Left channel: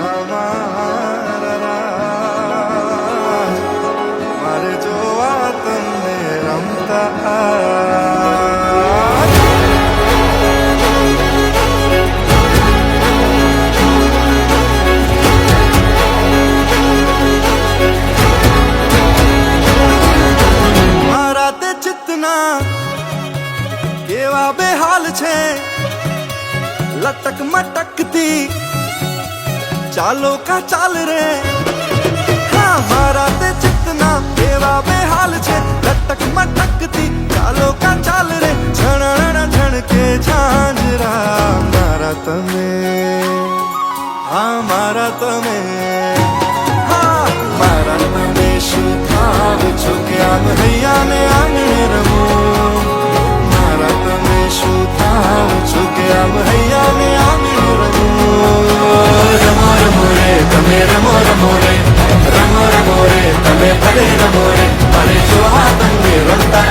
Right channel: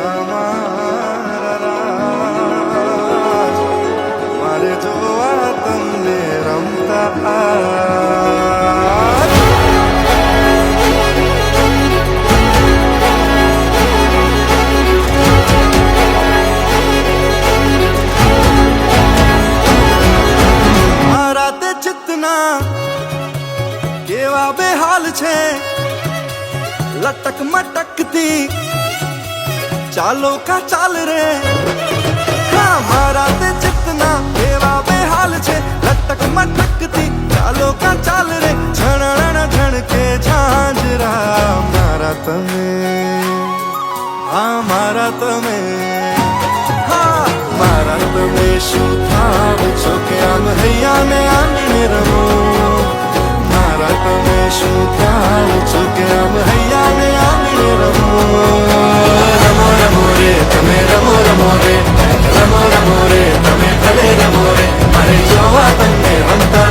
મારા રાજ મારે જોવા તમને રમતા આજ. મારા તે ચિત્તના કેવા બેહાલ છે, લટક મટકતી ચાલો કા ચાલ રે. હા મારા તે ચિત્તના કેવા બેહાલ છે, લટક મટકતી ચાલો કા ચાલ રે. ઝણણ ઝણકે ઝાંઝરા મારા તમે, હા મારા તમે, હા મારા તમે શું થાવ છો કે આમ હૈયા ને આંગણે રમો. મારા તમે શું થાવ છો કે આમ હૈયા ને આંગણે રમો. રમો રમો રે તમે રમો રમો રે, રમો રમો રે તમે ભલે રમો રે. મારે જોવા તમને રમતા